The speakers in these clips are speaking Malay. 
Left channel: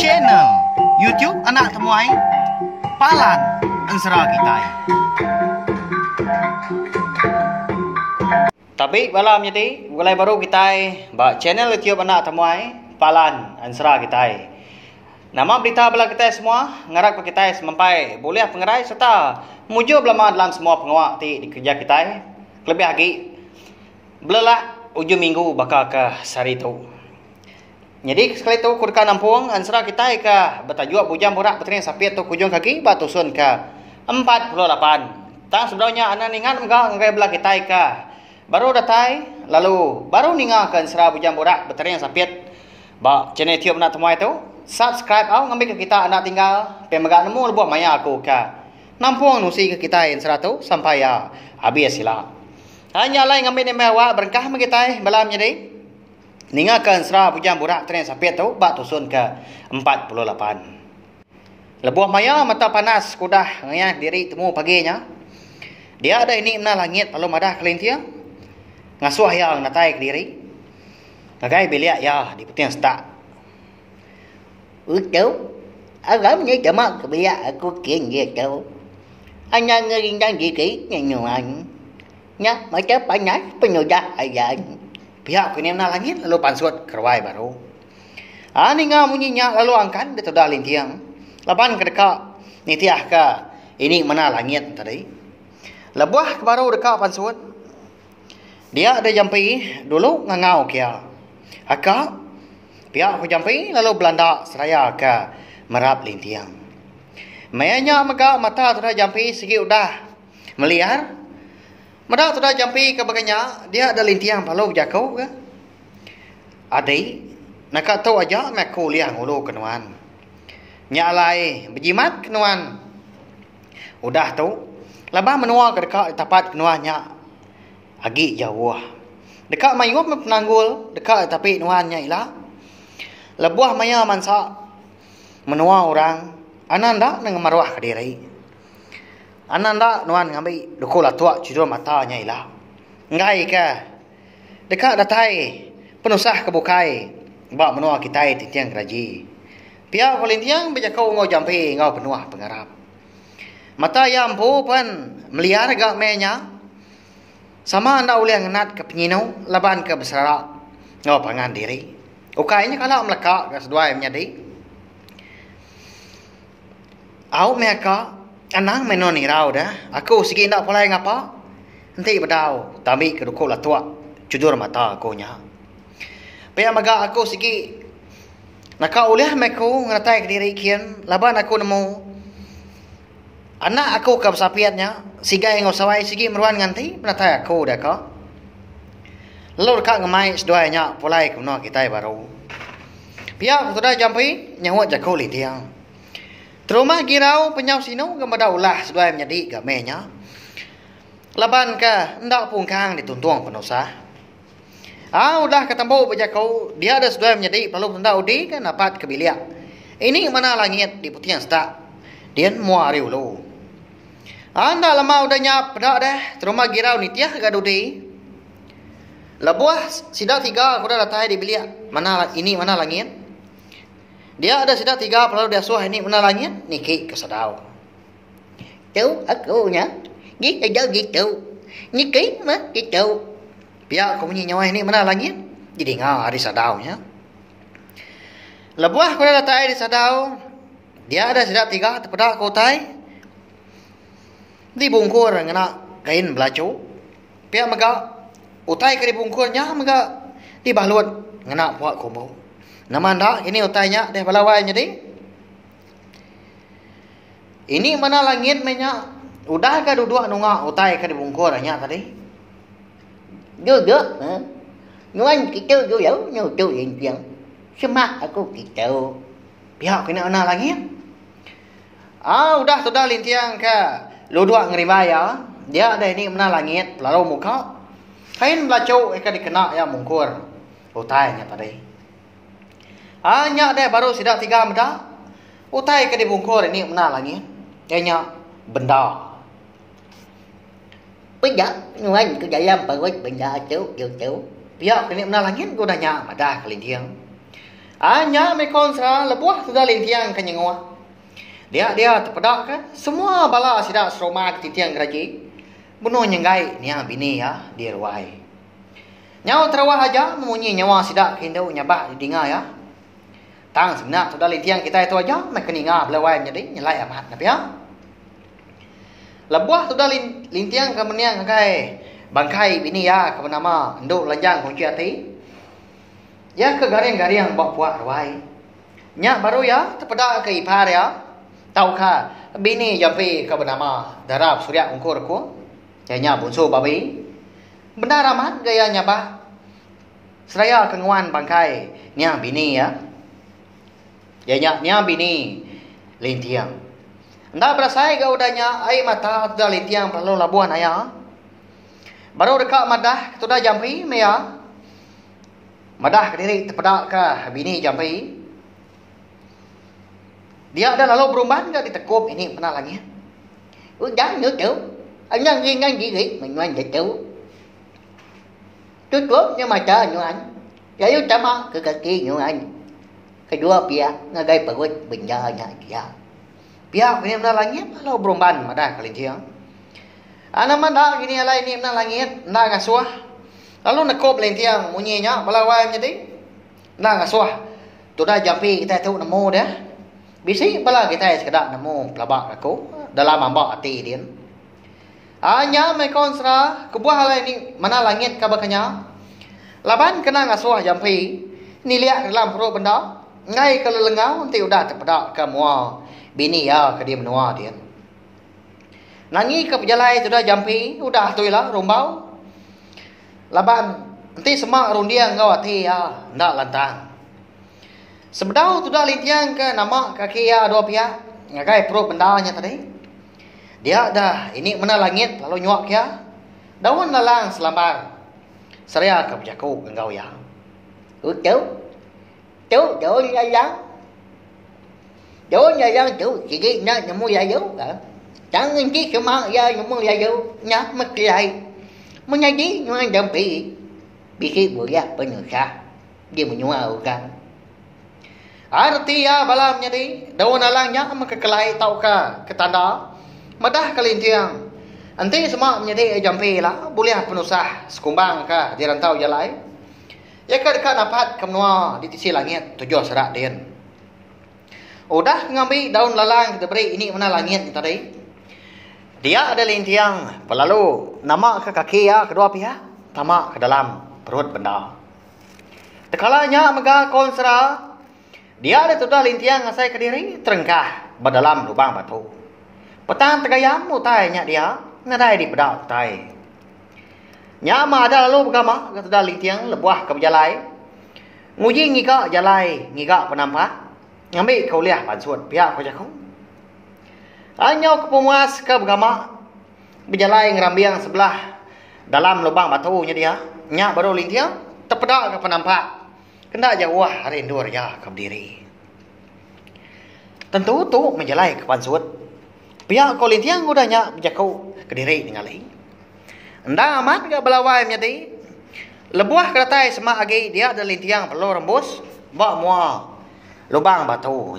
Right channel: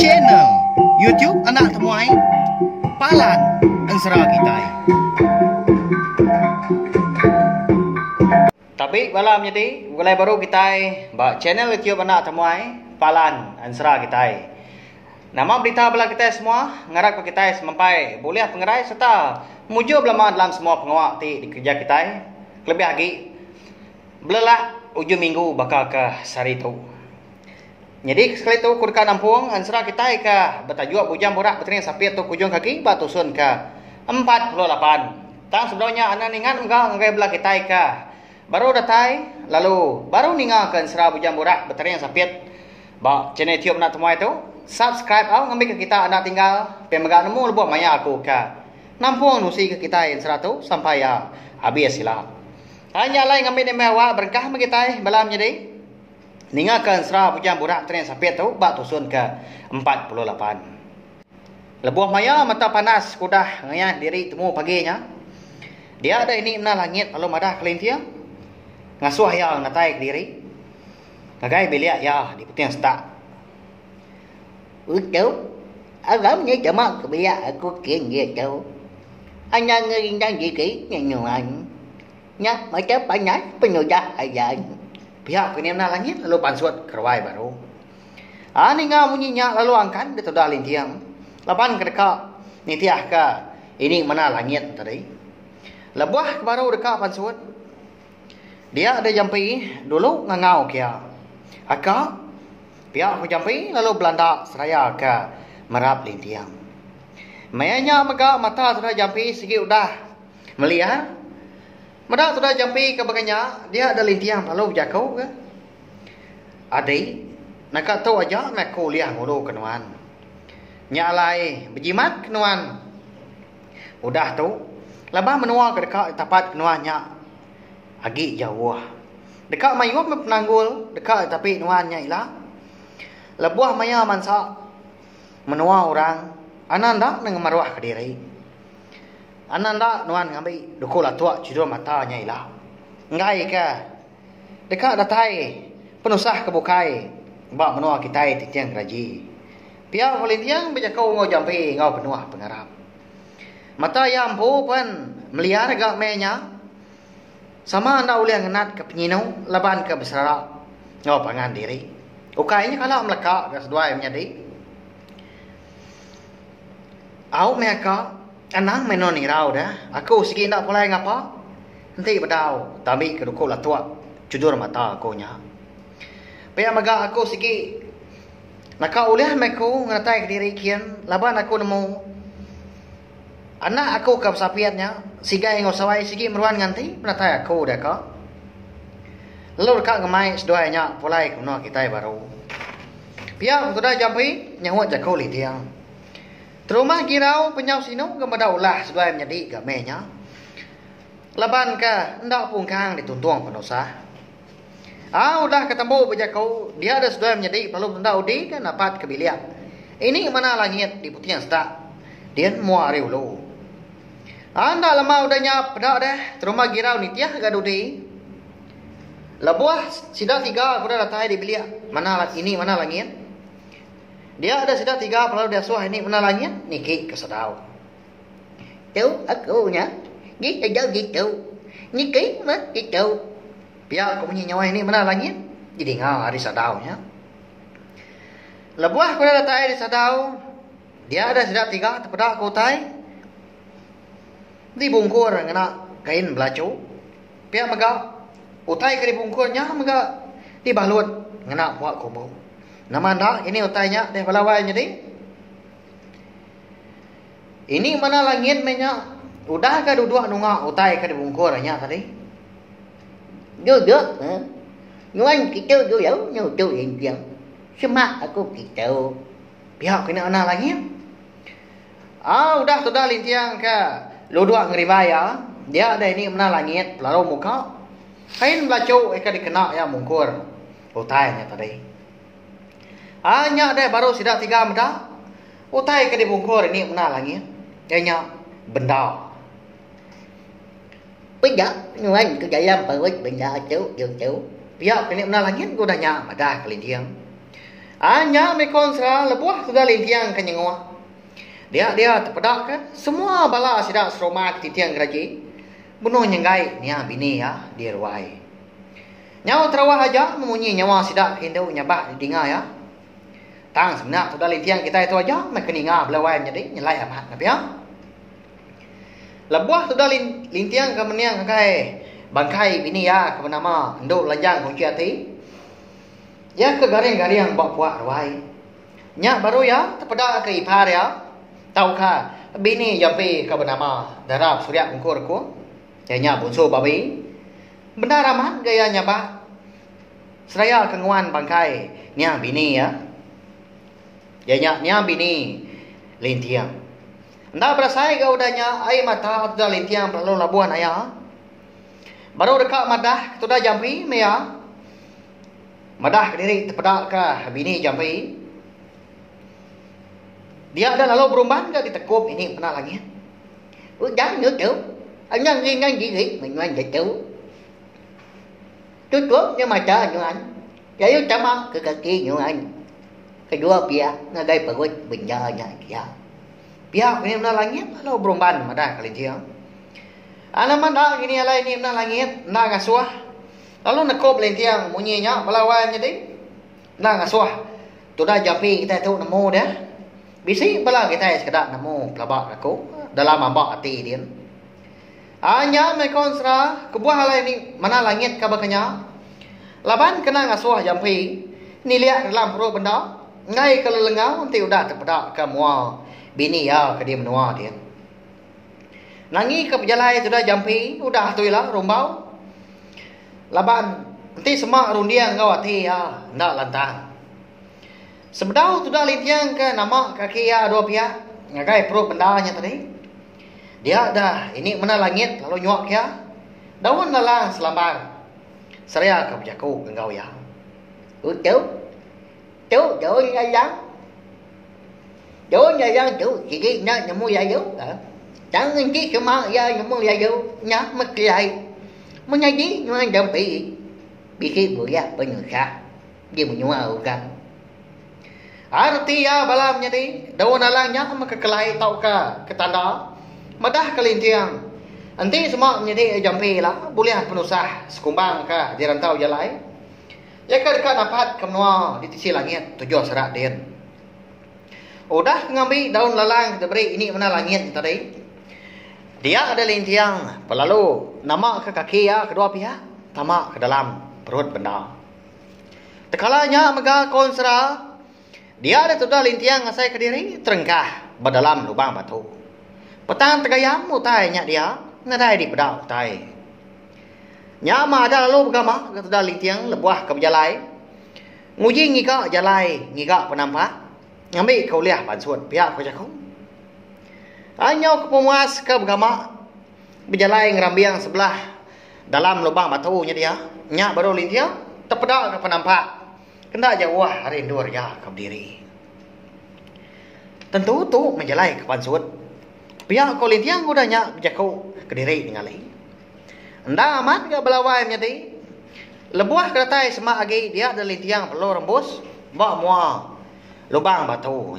Channel YouTube Anak Temuai Palan Ansara kita. Tapi malam jadi mulai baru kita ba channel YouTube Anak Temuai Palan Ansara kita. Nama berita bala kita semua ngarak kita sampai boleh pengerai serta muju belama dalam semua pengawak di kerja kita. Lebih lagi belak ujung minggu bakal ke sari tu. Jadi sekali tu kurka nampung ansara kita ke bertajuk bujang borak betering sapiat tu kujung kaki batusun ke 48. Tang sebenarnya anak ningan enggak ngai belah kita ke baru datai lalu baru ninga ke ansara bujang borak betering sapiat ba channel YouTube Anak Temuai tu subscribe au ngambil ke kita anak tinggal pemegak nemu lebuh maya aku ke nampung nusi ke kita ansara tu sampai ya habis sila. Hanya lain ngambil mewah berkah kita malam jadi ningakan serah bujang borak tren sapiat tu bak tusun ke 48. Lebuh maya mata panas kudah ngayah diri temu paginya. Dia ada ini na langit lalu madah kelintia. Ngasuh yang natai ke diri. Nagai biliak ya di putiang setak. Ucau, agam ni cuma kebiak aku kian gitu. Anya ngeringan gigi nyanyuan. Nya macam panas penudah ayan. Pihak penimna langit lalu pansut kerwai baru. Ninga munyinya lalu angkan dia sudah lintiang. Lapan kedeka nitiah ke ini mana langit tadi. Lebuah baru dekat pansut. Dia ada jampi dulu ngangau kia. Aka pihak ku jampi lalu belanda seraya ke merap lintiang. Mayanya mega mata sudah jampi segi udah melihat. Madah sudah jampi ke baganya, dia ada lintiang palau jakau ke. Adai, nak tahu aja nak kuliah mulu kenuan. Nyalai berjimat kenuan. Udah tu, labah menua ke dekat tapat kenuannya. Agi jauh. Dekat mayup penanggul, dekat tapi nuannya ilah. Lebuah maya mansa menua orang, ananda dengan maruah ke diri. Ananda nuan ngambil dukul atua judul matanya ilah. Ngai ke dekat datai penusah kebukai bak menua kita titiang keraji. Pihak polintiang bejakau ngau jampi ngau penuah pengarap. Mata yang ampu pun melihat agak menya. Sama anda ulih ngenat ke penyinau laban ke besara ngau pangan diri. Ukainya kalau melekak ke sedua yang menjadi. Au mereka anang menon irau dah. Aku segi ndak pulai ngapa. Nanti bedau tapi kedukul atua jujur mata aku nya. Paya maga aku segi naka ulih meku ngatai ke diri kian laban aku nemu anak aku ke sapiatnya sigai ngosawai segi meruan nganti menatai aku dah ka. Lalu dekat ngemai seduanya pulai kuno kita baru. Pia sudah jampi nyawat jakul dia. Teruma girau penyau sino kepada ulah sedua menjadi gamenya. Laban ke ndak pungkang dituntung penusah. Udah ketemu bejakau dia ada sedua menjadi perlu ndak udi kan dapat kebiliak. Ini mana langit di putian setak. Dia muari ulu. Anda lama udah nyap dak dah teruma girau nitiah gadudi. Lebuah sidak tiga udah datai di biliak. Mana ini mana langit? Dia ada sidak tiga perlu dia suah ini mana langit niki kesedau. Tu aku nya. Gitu. Niki mah gitu. Pihak kamu nyawa ini mana langit? Jadi ngah hari sadau nya. Lebuah pada datai di sadau. Dia ada sidak tiga terpedak kotai. Dibungkur ngena kain belacu. Pihak mega utai ke dibungkurnya mega dibalut ngena buat kubu. Nama anda ini utainya deh balawai jadi. Ini mana langit menya udah ke duduk nunga utai ke dibungkurnya tadi. Duduk. Nuan kita dulu nutu yang semak aku kita. Pihak kena anak langit. Udah sudah lintiang ke luduk ngeribaya. Dia ada ini mana langit lalu muka. Kain belacu eka dikena ya mungkur utainya tadi. Hanya ada baru sidak tiga meda. Utai ke dibungkur ini mana langit. Dia benda. Benda nuan ke dalam perut benda tu. Pihak ini mana langit ko dah nya madah kelintiang. Anya me konsra lebuah sudah lintiang kenyengwa. Dia terpedak kan semua bala sidak seroma kelintiang geraji. Bunuh nyenggai nia bini ya dia ruai. Nyawa terawah aja memunyi nyawa sidak kindau nyabak di dinga ya. Tang sebenar sudah lintiang kita itu aja me keninga belawai jadi nyelai amat na pia. Lebuah sudah lintiang ke meniang kai bangkai bini ya ke nama nduk lanjang kong kiati. Ya ke garing-garing bawa puak ruai. Nyak baru ya terpedak ke ipar ya. Tahu ka bini jampi ke bernama darab surya ungkur ko. Janya bunso babi. Benar amat gaya nyabah. Seraya kenguan bangkai nya bini ya. Janya nya bini lintiang. Ndak berasai ke udahnya ai mata sudah lintiang perlu labuan ayah. Baru dekat madah sudah jampi me ya. Madah diri terpedak ke bini jampi. Dia ada lalu berumban ke ditekup ini pernah lagi. Udah nữa chú. Anh nhân viên anh chỉ nghĩ mình ngoan để chú. Tôi tốt nhưng mà chờ như anh. Vậy chả mà cái kia như anh. Cái đua kia nó đây phải quên bình giờ nhà kia. Pihak ini pernah lagi lalu berumban madah kelintiang. Anak madah ini alai ini pernah lagi nak kasuah. Lalu nekop lintiang munyinya belawai jadi nak kasuah. Sudah jampi kita tahu namo dia. Bisi bala kita sekedar namo pelabak aku dalam ambak hati dia. Anya me konsra kebuah halai ni mana langit kabakanya. Laban kena ngasuh jampi ni lihat dalam perut benda ngai kalau lengau nanti udah terpedak ke mua bini ya ke dia menua dia. Nangi ke pejalai sudah jampi udah tu lah rumbau. Laban nanti semak rundiang kau hati ya ndak lantang. Sebedau sudah lintiang ke nama kaki ya dua pihak ngagai perut bendanya tadi. Dia dah ini mana langit lalu nyuak ya. Daun lalang selambar. Seraya ke berjaku engkau ya. Chú nhà giang. Chú nhà giang chú chỉ cái nhà mua gia dấu. Chẳng nên chỉ cái mang gia mua gia dấu nhá mất lại. Muốn nhà gì nhưng anh đang bị cái buổi ra bên người khác. Dia menyuau kan. Arti ya balam jadi daun lalangnya maka kelai tau ka ketanda. Madah kelintiang. Nanti semua menjadi jampi lah. Boleh penusah sekumbang kah di rantau jalai. Ya kan dapat kemua di sisi langit tujuh serak din. Udah ngambil daun lalang kita beri ini mana langit tadi. Dia ada lintiang. Lalu nama ke kaki ya kedua pihak. Tamak ke dalam perut benda. Tekalanya mega konsra. Dia ada sudah lintiang ngasai ke diri terengkah berdalam lubang batu. Petang tegayam mutai nya dia nadai di pedal tai. Nya ma ada lalu bergama sudah lintiang lebuah ke berjalai. Nguji ngika jalai ngika penampak. Ngambil kau liah pansuat pihak kau jakong. Anyau ke pemuas ke bergama berjalai ngerambiang sebelah dalam lubang batu nya dia. Nya baru lintiang terpedak ke penampak. Kena jauh rindu ya ke diri. Tentu tu menjalai ke pansuat. Pihak kau lintiang udahnya berjakau ke diri dengan lagi. Ndak amat ke belawai menjadi. Lebuah keratai semak lagi dia ada lintiang perlu rembus. Bawa mua lubang batu.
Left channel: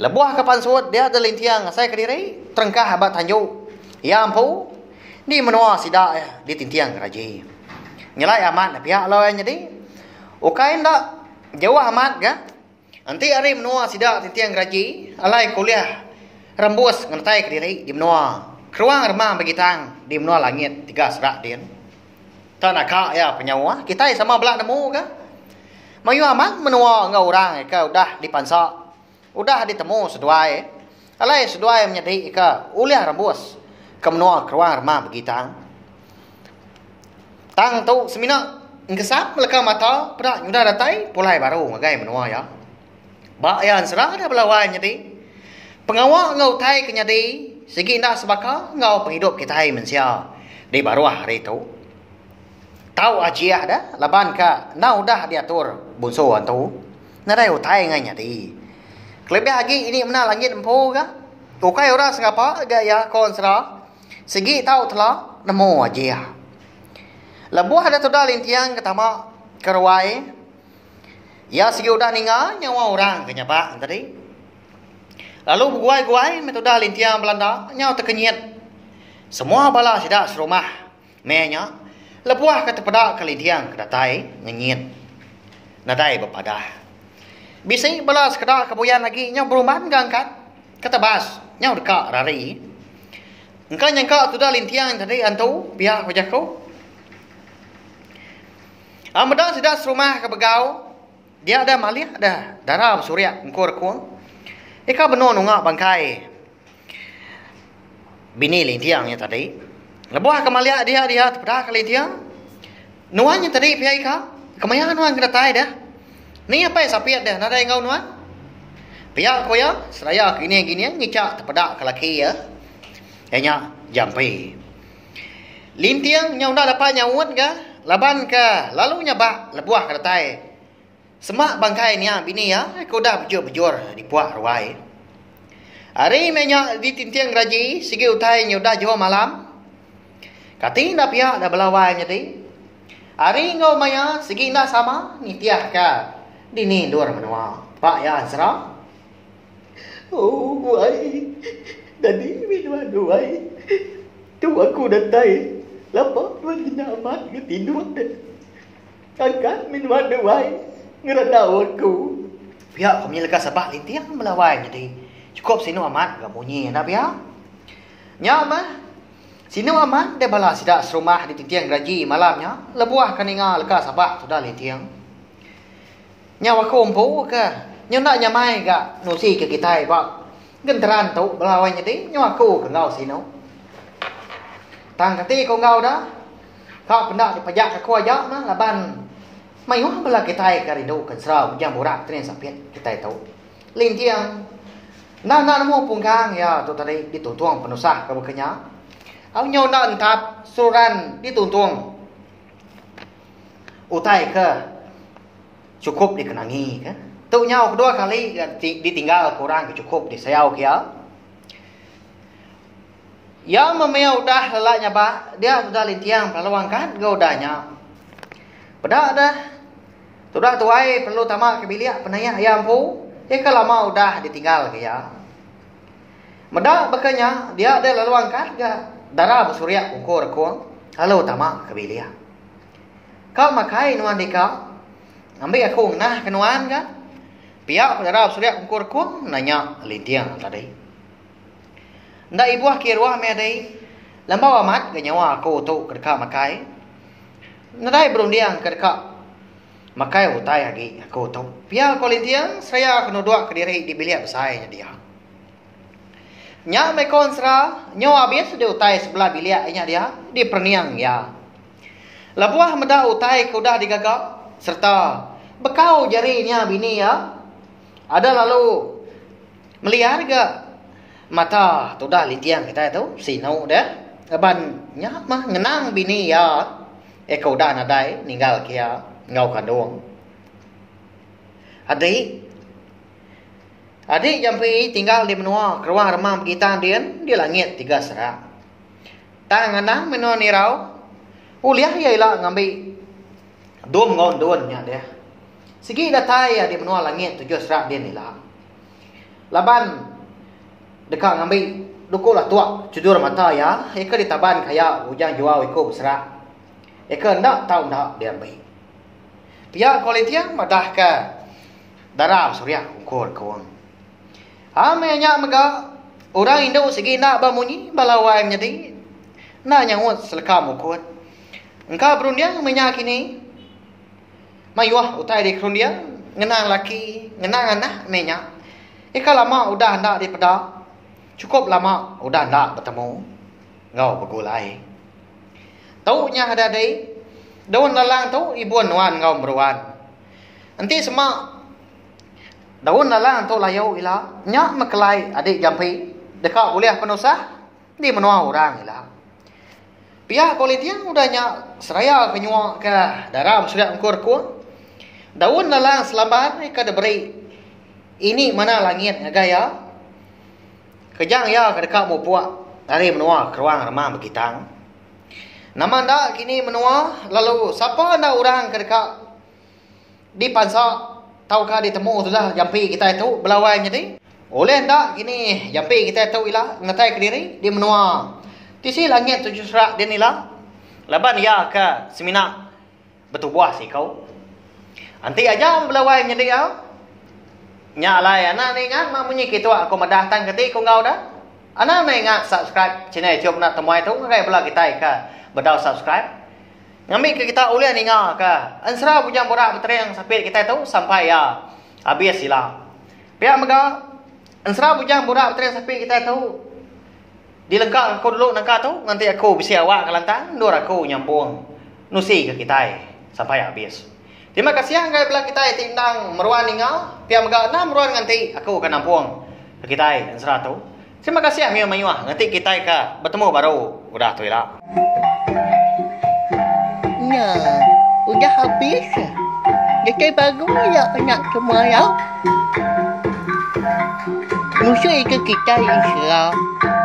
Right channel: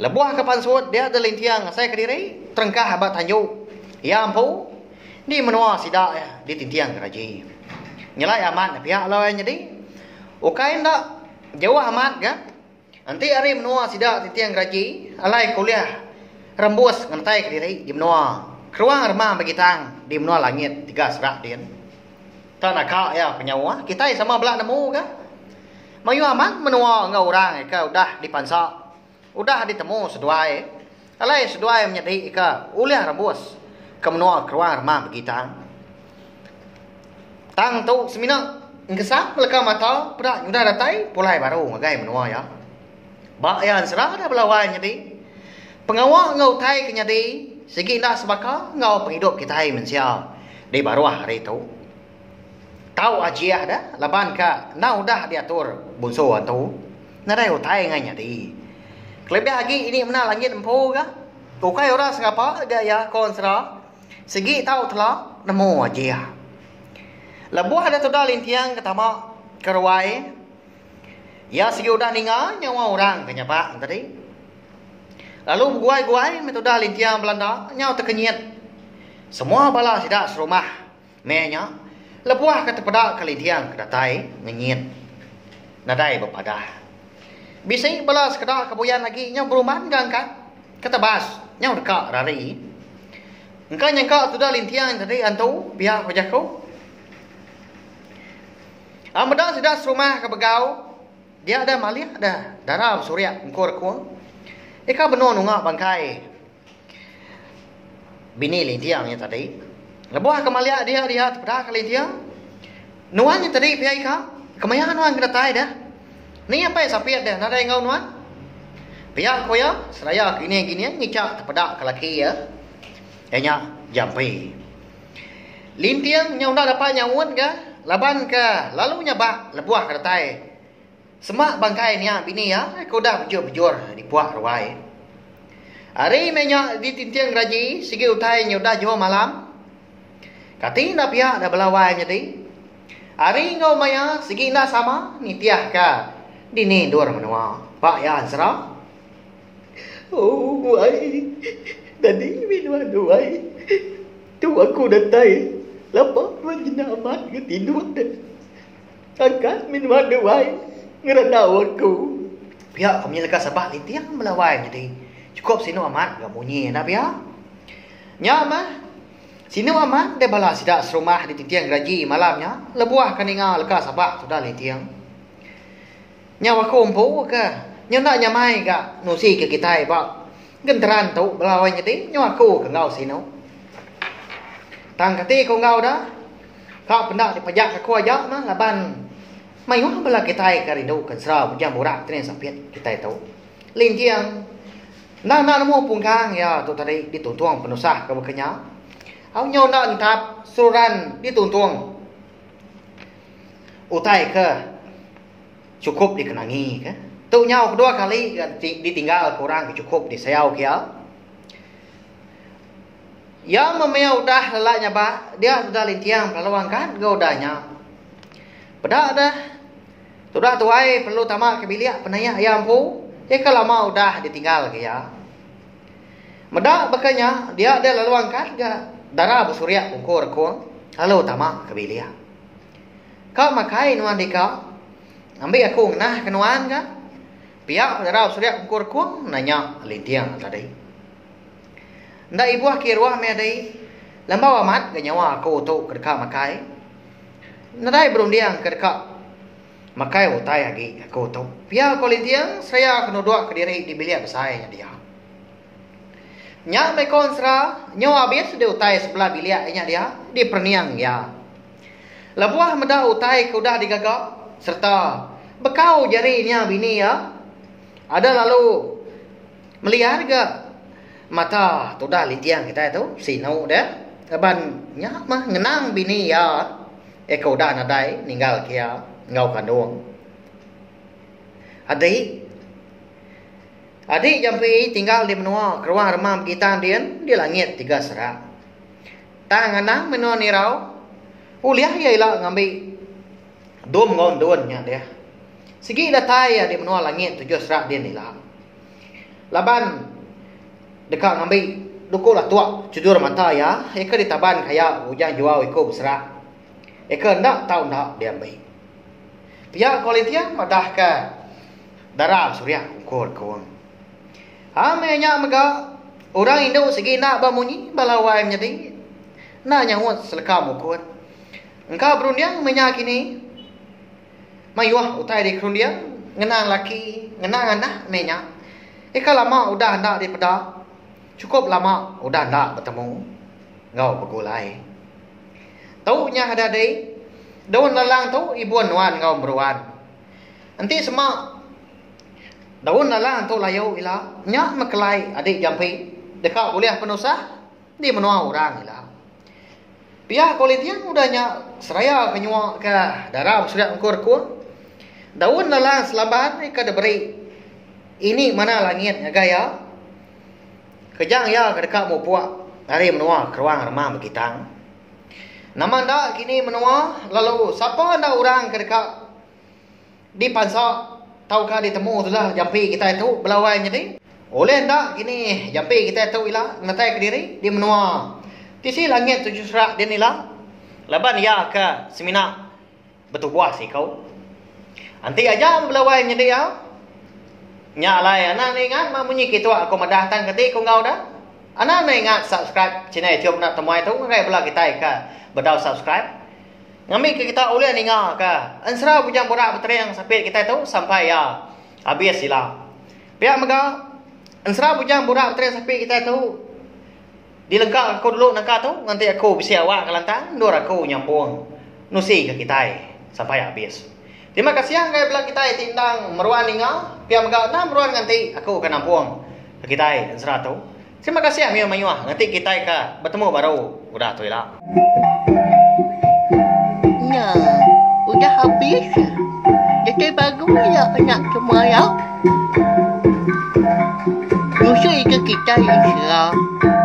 Lebuah ke pansuat dia ada lintiang saya ke diri. Terengkah abad tanjuk. Ya ampu. Di menua sidak ya. Di tintiang keraji. Nyelai amat pihak lawan jadi. Ukai ndak jauh amat ke. Nanti hari menua sidak tintiang keraji. Alai kuliah. Rembus ngantai ke diri di menua. Keruang remah bagi tang di menua langit 3 serak din. Tanah kak ya penyawa. Kita sama belak nemu ke. Mayu aman menua ngau orang ke udah dipansak. Udah ditemu seduai. Alai seduai menjadi ke uliah rembus. Ke menua keruang remah bagi tang. Tang tu semina ngesap meleka mata pedak udah datai pulai baru ngagai menua ya. Bak yan serah ada belawai jadi. Pengawal ngau tai kenyadi segi nak sebaka ngau penghidup kita hai mensia di baruah hari itu. Tahu ajiah dah laban ka nau dah diatur bunso antu. Nadai utai ngai nyadi. Kelebih lagi ini mana langit empu ka. Ukai ora sengapa dia ya konsra. Segi tahu telah nemu ajiah. Lebuah ada toda lintiang ketama kerwai. Ya segi udah ningal nyawa orang kenyapak tadi. Lalu guai-guai metoda lintiang Belanda nyawa terkenyit. Semua bala sidak serumah menya lebuah kata pada kelintiang kedatai nyenyit. Nadai berpadah. Bisa bala sekedar kebuyan lagi nyawa beruman gangkat kata bas nyawa dekat rari. Engkau nyangka toda lintiang tadi antu pihak wajah kau. Amada sidak serumah kebegau. Dia ada malih ada darah surya engkau kuang. Ika benar nunga bangkai bini lintiangnya tadi. Lebuah kemalia dia pada kelintiang. Nuannya tadi pihak ika kemayangan nuan kena tai dah. Ni apa yang sapiat dah nada engkau nuan. Pihak kau ya seraya gini ngicak pada kelaki ya. Enya jampi. Lintiang nyau dah dapat nyawut ga laban ka lalu nyabak lebuah kena tai. Semak bangkai ni bini ya, kau dah bejur di puak ruai. Hari menyak di tintiang raji, segi utai nyudah jauh malam. Kati dah pihak dah belawai jadi. Hari ngau maya segi nak sama ni tiah ka. Dini dua menua. Pak ya serah. Oh, guai. Tadi minum guai. Tu aku datai. Lepas tuan jenamat ke tidur dah. Angkat minum guai. Ngeradawat ku. Pihak kau menyelaka sabak lintiang melawai jadi. Cukup sinu amat gak bunyi dah pihak. Nyama. Sinu amat dia bala sidak serumah di tintiang gaji malamnya. Lebuah kaninga leka sabak sudah lintiang. Nyawa kumpu ke. Nyawa nak nyamai gak nusi ke kita pak. Genteran tu belawai jadi. Nyawa ku ke ngau sinu. Tang kati kau ngau dah. Kau pendak dipajak ke kuajak mah laban. Mayuh bala kita karindo kan serau jam borak tren sapiat kita tahu. Lintiang na namo pungkang ya tu tadi dituntung penusah ke bekenya. Au nyau na entap suran dituntung. Utai ke cukup dikenangi ke. Tu nyau kedua kali ditinggal kurang cukup disayau kia. Ya memang udah lelaknya pak dia sudah lintiang kalau angkat gaudanya. Pada dah sudah tuai perlu tamak ke bilik penaya ayam pu. Ya kalau mau dah ditinggal ke ya. Medak bekanya dia ada lalu angkat ke darah bersurya ukur kuang. Lalu tamak ke bilik. Kau makai nuan dika. Ambil aku nah kenuan ke. Pihak darah bersurya ukur kuang nanya lintiang tadi. Ndak ibu akhir wah me dai. Lambau amat ke nyawa aku tu kedeka makai. Nadai berundiang kedeka makai utai lagi aku tu. Pihak kolintiang saya kena dua ke diri di bilik besarnya dia. Nya mekon sera nyawa habis dia utai sebelah biliknya dia di perniang ya. Labuah meda utai ke udah digagap serta bekau jarinya bini ya. Ada lalu melihat ke mata tu dah lintiang kita tu sinau dah. Ban nya mah ngenang bini ya. Kau dah nadai ninggal kia ngau kandung. Adik jampi tinggal di menua keruang remam kita di langit tiga serak. Tangan nang menua nirau. Uliah ya ilah ngambil dom ngon donnya dia. Segi datai ya di menua langit tujuh serak dia nilah. Laban dekat ngambil dukulah tua cudur mata ya. Eka ditaban kaya hujan jual iko berserak. Eka ndak tahu ndak dia ambil. Pihak kualitiang madah ke darah surya ukur kuang. Amenya mega orang Indo segi nak bamunyi balawai jadi nak nyawut selekam ukur. Engkau berundiang menyakini mayuah utai di kerundiang ngenang laki ngenang anak menya. Ika lama udah ndak di peda. Cukup lama udah ndak bertemu. Ngau begulai. Tahu nya ada dei. Daun lalang tu ibuan nuan ngau beruan. Nanti semak daun lalang tu layu ila nya makelai adik jampi dekat boleh penusah di menua orang ila. Pihak kualitiang udah nya seraya kenyua ke darah sudah engkur ku. Daun lalang selaban ka diberi ini mana langit gaya. Kejang ya ke dekat mu puak dari menua keruang remang bekitang. Nama anda kini menua, lalu siapa anda orang kedekat di pansa, tahukah ditemu sudah jampi kita itu belawai jadi. Oleh anda kini jampi kita itu ilah ngatai ke diri di menua. Tisi langit tujuh serak dia ilah. Laban ya ke semina betul buah sih kau. Anti aja belawai jadi ya. Nyalai anak ni ingat mamunyi gitu aku mendatang ketik kau ngau dah. Anak ni ingat subscribe channel YouTube nak temuai tu ngai belah kita ke bedau subscribe. Ngambil ke kita oleh ni ngah ke. Ansra punya borak berterang sampai kita tu sampai ya habis sila. Pihak mega ansra punya borak berterang sampai kita tu dilengkap aku dulu nangka tu nanti aku bisa awak kelantang nur aku nyambung nusi ke kita sampai habis. Terima kasih yang belah kita tindang meruan ni ngah. Pihak mega na meruan nanti aku akan nampung ke kita ansra tu. Terima kasih ya mayuah nanti kita ke bertemu baru udah tu lah. Nah, udah habis. Jadi bagus ya anak semua ya. Musuh ke kita insya Allah.